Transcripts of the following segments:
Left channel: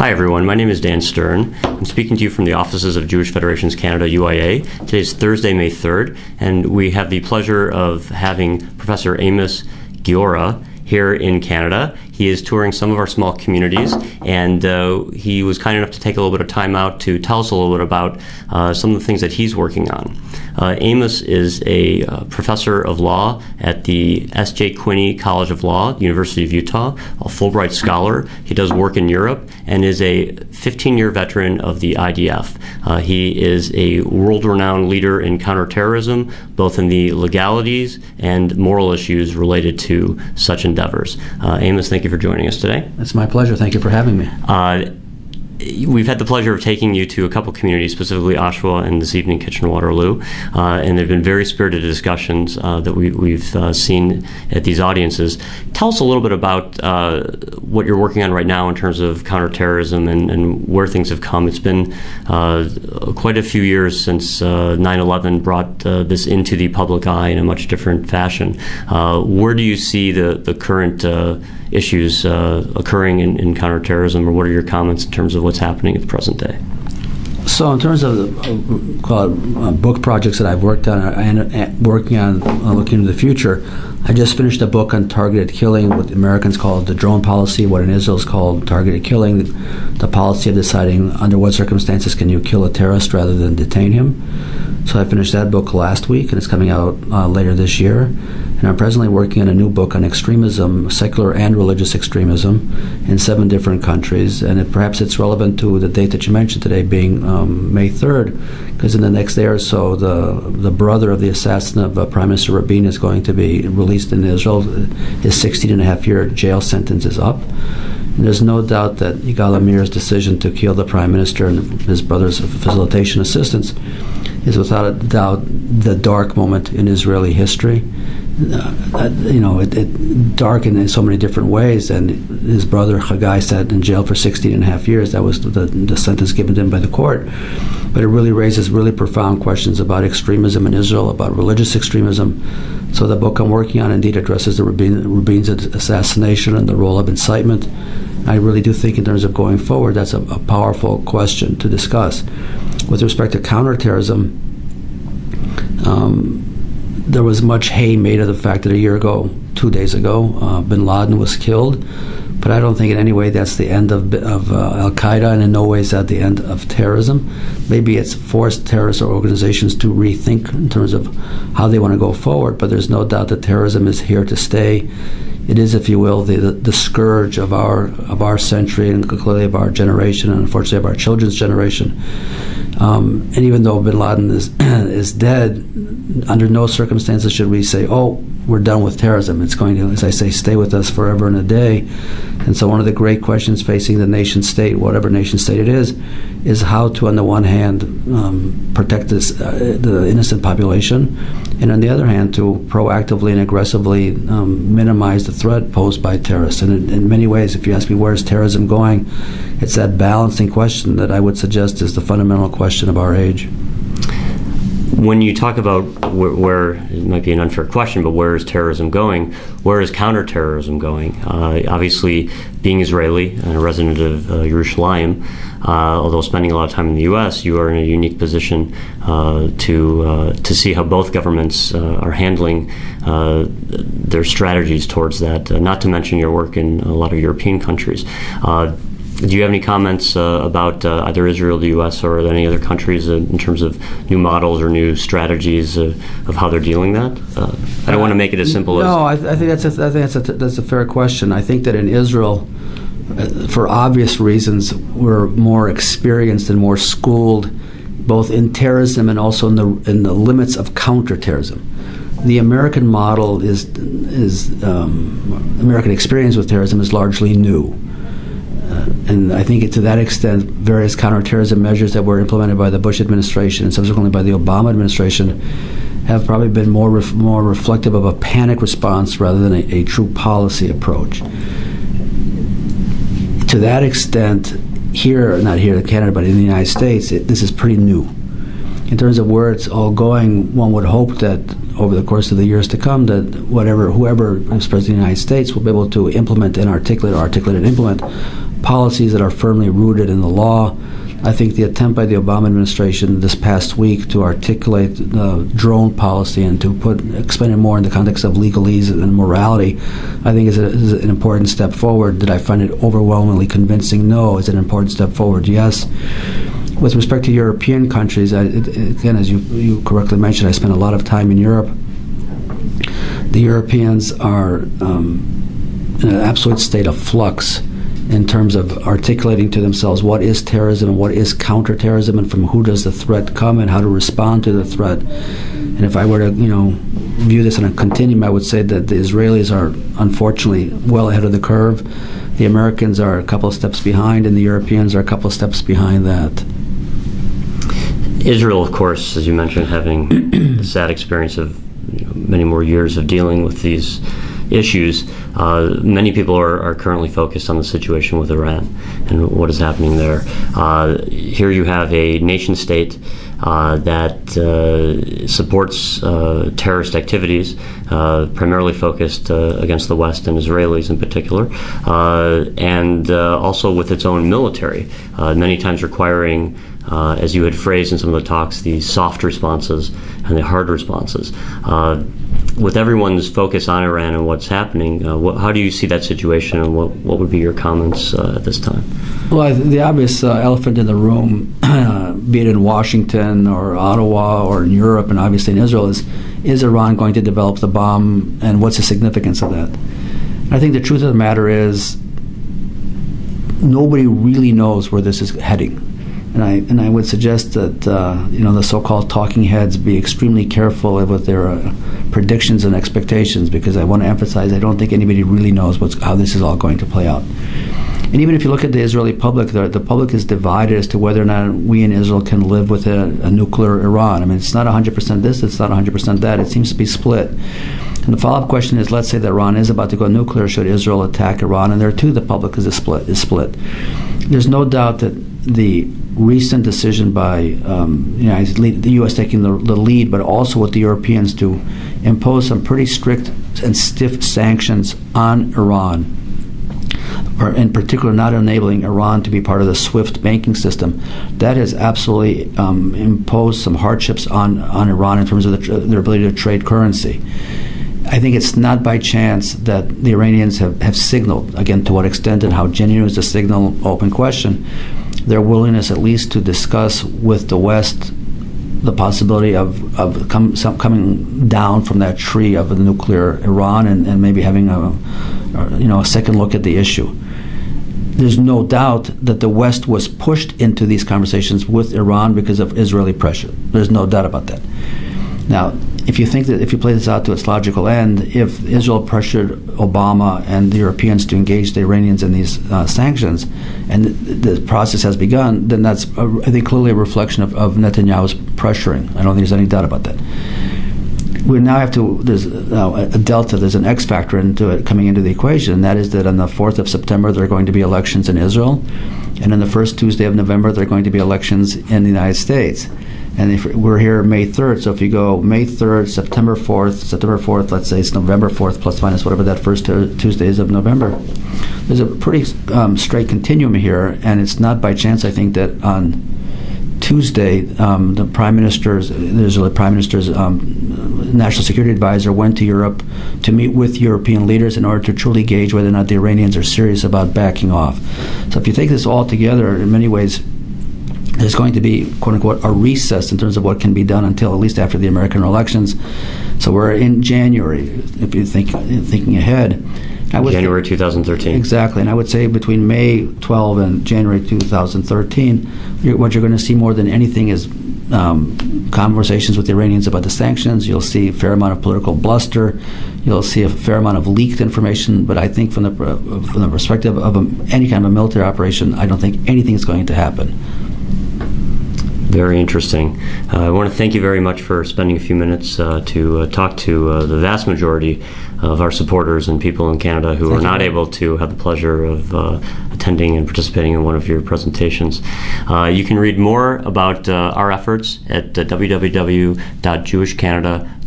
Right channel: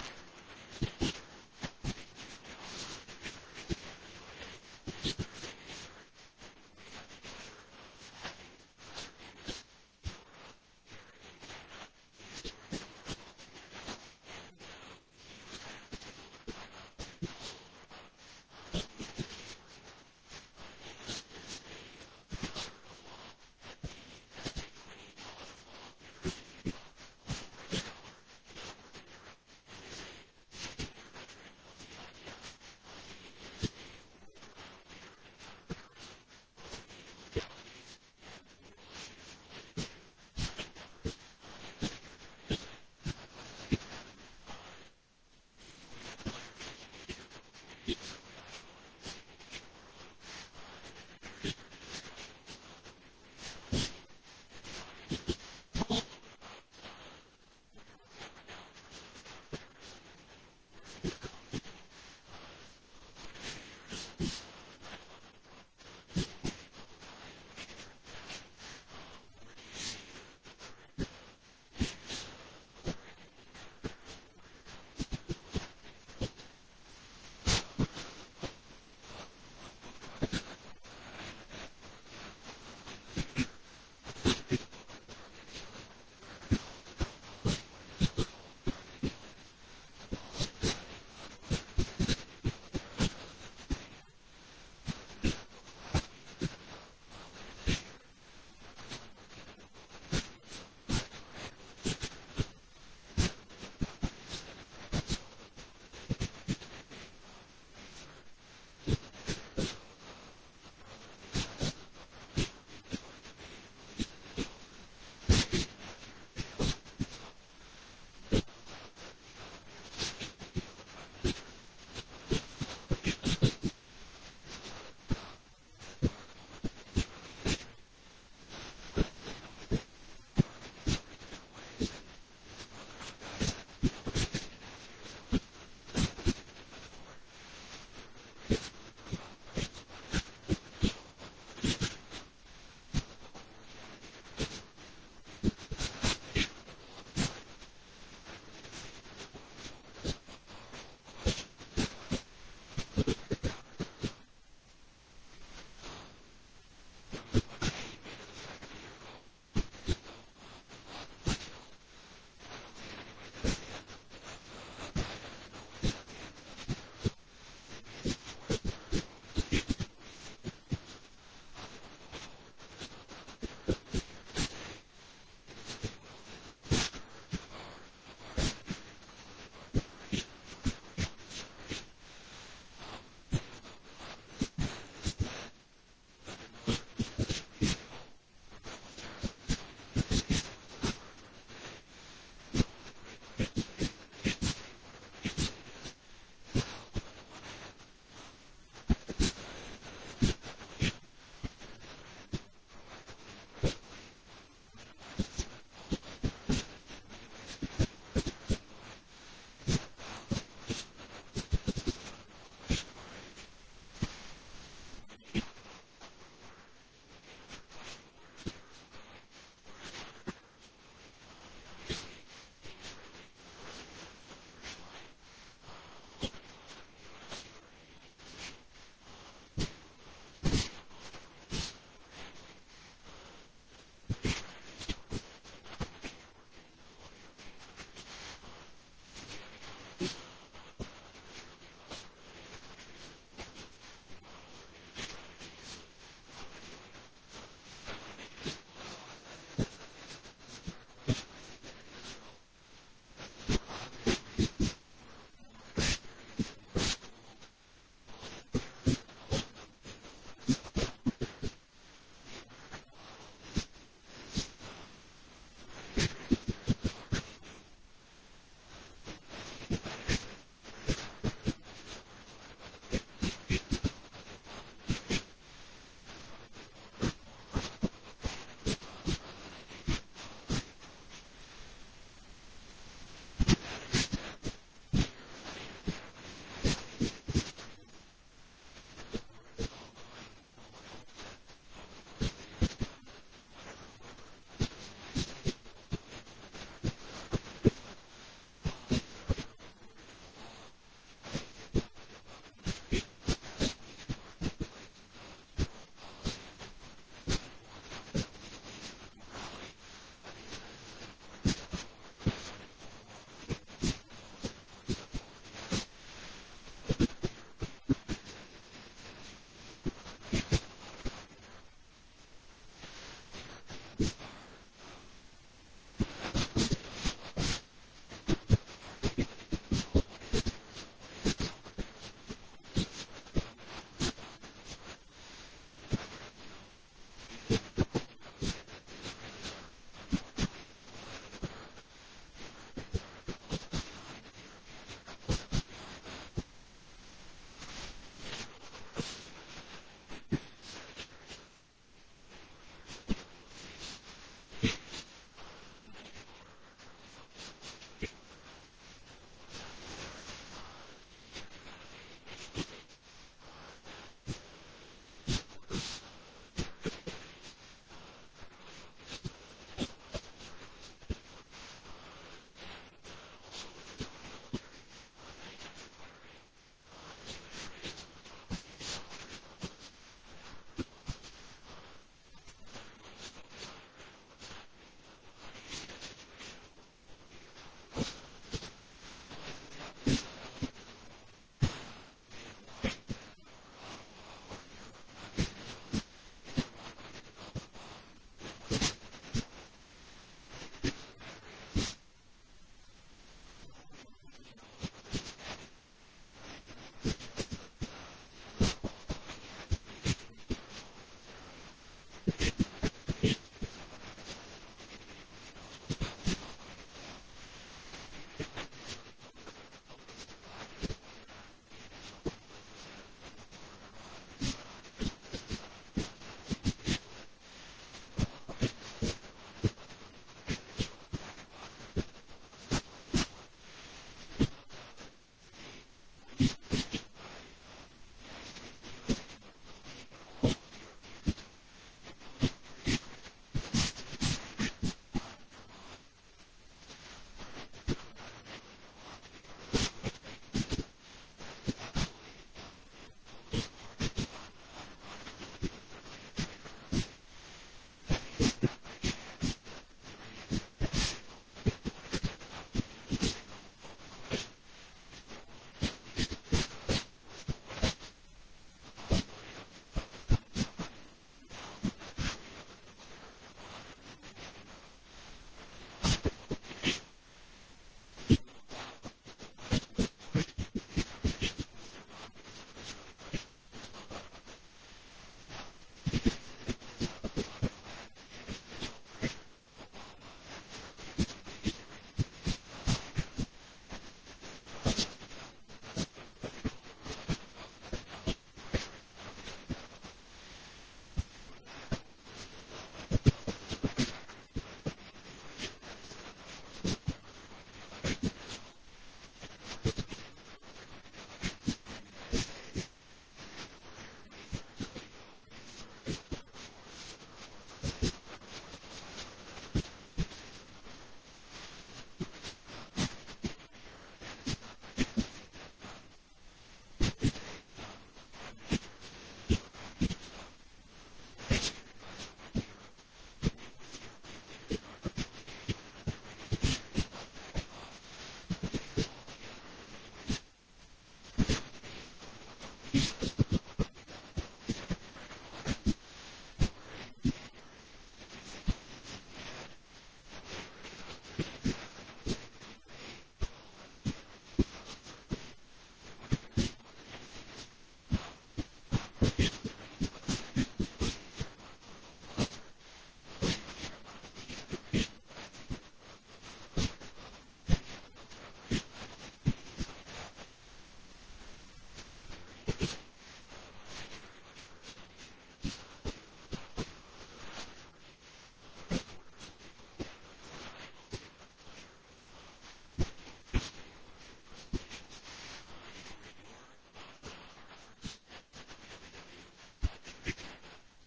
Hi everyone, my name is Dan Stern. I'm speaking to you from the offices of Jewish Federations Canada, UIA. Today is Thursday, May 3rd, and we have the pleasure of having Professor Amos Guiora here in Canada. He is touring some of our small communities, and he was kind enough to take a little bit of time out to tell us a little bit about some of the things that he's working on. Amos is a professor of law at the S.J. Quinney College of Law, University of Utah, a Fulbright scholar. He does work in Europe and is a 15-year veteran of the IDF. He is a world-renowned leader in counterterrorism, both in the legalities and moral issues related to such endeavors. Amos, thank you for joining us today. It's my pleasure. Thank you for having me. We've had the pleasure of taking you to a couple communities, specifically Oshawa and this evening Kitchener-Waterloo, and there have been very spirited discussions that we've seen at these audiences. Tell us a little bit about what you're working on right now in terms of counterterrorism and where things have come. It's been quite a few years since 9/11 brought this into the public eye in a much different fashion. Where do you see the current issues occurring in counterterrorism, or what are your comments in terms of what's happening at the present day? So in terms of book projects that I've worked on and working on looking into the future, I just finished a book on targeted killing, what Americans call the drone policy, what in Israel is called targeted killing, the policy of deciding under what circumstances can you kill a terrorist rather than detain him. So I finished that book last week, and it's coming out later this year. And I'm presently working on a new book on extremism, secular and religious extremism, in 7 different countries. And perhaps it's relevant to the date that you mentioned today, being May 3rd, because in the next day or so, the brother of the assassin of Prime Minister Rabin is going to be released in Israel. His 16.5-year jail sentence is up. And there's no doubt that Yigal Amir's decision to kill the Prime Minister and his brother's facilitation assistants is without a doubt the dark moment in Israeli history. Dark in so many different ways, and his brother Chagai sat in jail for 16.5 years. That was the sentence given to him by the court. But it really raises really profound questions about extremism in Israel, about religious extremism. So the book I'm working on indeed addresses the Rabin's assassination and the role of incitement. I really do think in terms of going forward, that's a powerful question to discuss. With respect to counterterrorism, there was much hay made of the fact that a year ago, 2 days ago, bin Laden was killed. But I don't think in any way that's the end of Al-Qaeda, and in no way is that the end of terrorism. Maybe it's forced terrorist organizations to rethink in terms of how they want to go forward, but there's no doubt that terrorism is here to stay. It is, if you will, the scourge of our century, and clearly of our generation, and unfortunately of our children's generation. And even though bin Laden is dead, under no circumstances should we say, oh, we're done with terrorism. It's going to, as I say, stay with us forever and a day. And so one of the great questions facing the nation state, whatever nation state it is how to, on the one hand, protect the innocent population, and on the other hand, to proactively and aggressively minimize the threat posed by terrorists. And in many ways, if you ask me where is terrorism going, it's that balancing question that I would suggest is the fundamental question of our age. When you talk about where it might be an unfair question, but where is terrorism going? Where is counterterrorism going? Obviously, being Israeli and a resident of Yerushalayim, although spending a lot of time in the U.S., you are in a unique position to see how both governments are handling their strategies towards that. Not to mention your work in a lot of European countries. Do you have any comments about either Israel, the U.S., or any other countries in terms of new models or new strategies of how they're dealing that? I don't want to make it as simple as... No, I think that's a fair question. I think that in Israel, for obvious reasons, we're more experienced and more schooled, both in terrorism and also in the limits of counterterrorism. The American model American experience with terrorism is largely new. And I think to that extent, various counterterrorism measures that were implemented by the Bush administration and subsequently by the Obama administration have probably been more reflective of a panic response rather than a true policy approach. To that extent, not here in Canada, but in the United States, this is pretty new. In terms of where it's all going, one would hope that over the course of the years to come, that whoever is president of the United States will be able to implement and articulate and implement policies that are firmly rooted in the law. I think the attempt by the Obama administration this past week to articulate the drone policy and to explain it more in the context of legalese and morality, I think is an important step forward. Did I find it overwhelmingly convincing? No. Is it an important step forward? Yes. With respect to European countries, again, as you correctly mentioned, I spent a lot of time in Europe. The Europeans are in an absolute state of flux in terms of articulating to themselves what is terrorism and what is counterterrorism, and from who does the threat come and how to respond to the threat. And if I were to, view this on a continuum, I would say that the Israelis are unfortunately well ahead of the curve. The Americans are a couple of steps behind, and the Europeans are a couple of steps behind that. Israel, of course, as you mentioned, having the sad experience of many more years of dealing with these issues. Many people are currently focused on the situation with Iran and what is happening there. Here you have a nation state that supports terrorist activities, primarily focused against the West and Israelis in particular, and also with its own military, many times requiring, as you had phrased in some of the talks, the soft responses and the hard responses. With everyone's focus on Iran and what's happening, how do you see that situation, and what would be your comments at this time? Well, the obvious elephant in the room, be it in Washington or Ottawa or in Europe and obviously in Israel, is Iran going to develop the bomb, and what's the significance of that? I think the truth of the matter is nobody really knows where this is heading. And I would suggest that the so-called talking heads be extremely careful with their predictions and expectations, because I want to emphasize I don't think anybody really knows how this is all going to play out. And even if you look at the Israeli public, the public is divided as to whether or not we in Israel can live with a nuclear Iran. I mean, it's not 100% this, it's not 100% that. It seems to be split. And the follow-up question is, let's say that Iran is about to go nuclear. Should Israel attack Iran? And there too, the public is split. There's no doubt that the recent decision by the U.S. taking the lead, but also what the Europeans do, impose some pretty strict and stiff sanctions on Iran, or in particular not enabling Iran to be part of the SWIFT banking system. That has absolutely imposed some hardships on Iran in terms of their ability to trade currency. I think it's not by chance that the Iranians have signaled, again, to what extent and how genuine is the signal, open question, their willingness at least to discuss with the West the possibility of coming down from that tree of a nuclear Iran and maybe having a second look at the issue. There's no doubt that the West was pushed into these conversations with Iran because of Israeli pressure. There's no doubt about that. Now, if you play this out to its logical end, if Israel pressured Obama and the Europeans to engage the Iranians in these sanctions, and the process has begun, then that's, I think, clearly a reflection of Netanyahu's pressuring. I don't think there's any doubt about that. We now have to, there's now a delta, there's an X factor coming into the equation, and that is that on the 4th of September there are going to be elections in Israel, and on the first Tuesday of November there are going to be elections in the United States. And if we're here May 3rd, so if you go May 3rd, September 4th, let's say it's November 4th, plus minus whatever that first Tuesdays of November, there's a pretty straight continuum here, and it's not by chance, I think, that on Tuesday, the Israeli Prime Minister's National Security Advisor went to Europe to meet with European leaders in order to truly gauge whether or not the Iranians are serious about backing off. So if you take this all together, in many ways, there's going to be, quote-unquote, a recess in terms of what can be done until at least after the American elections. So we're in January, if you're thinking ahead. January 2013. Exactly. And I would say between May 12 and January 2013, what you're going to see more than anything is conversations with the Iranians about the sanctions. You'll see a fair amount of political bluster. You'll see a fair amount of leaked information. But I think from the perspective of any kind of a military operation, I don't think anything is going to happen. Very interesting. I want to thank you very much for spending a few minutes to talk to the vast majority of our supporters and people in Canada who are not able to have the pleasure of attending and participating in one of your presentations. You can read more about our efforts at www.jewishcanada.org.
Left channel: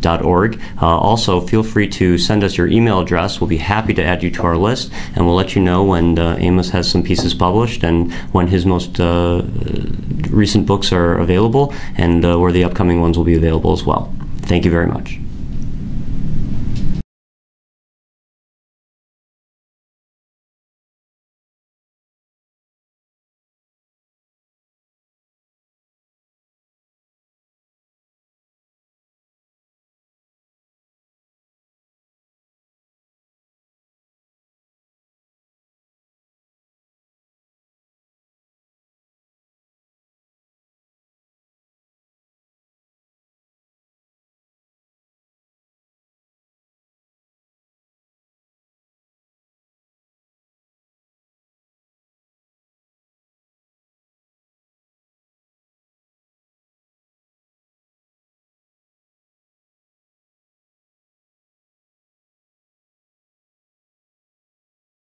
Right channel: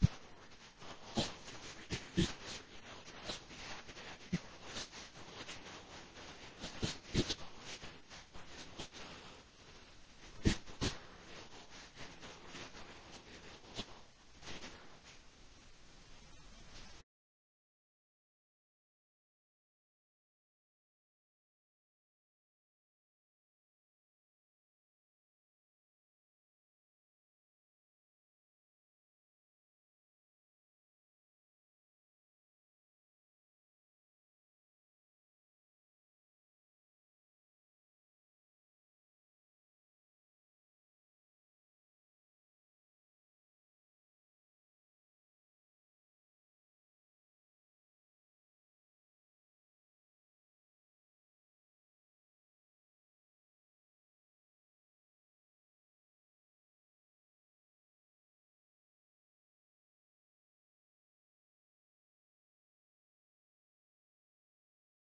amos.org. Also, feel free to send us your email address. We'll be happy to add you to our list, and we'll let you know when Amos has some pieces published and when his most recent books are available, and where the upcoming ones will be available as well. Thank you very much.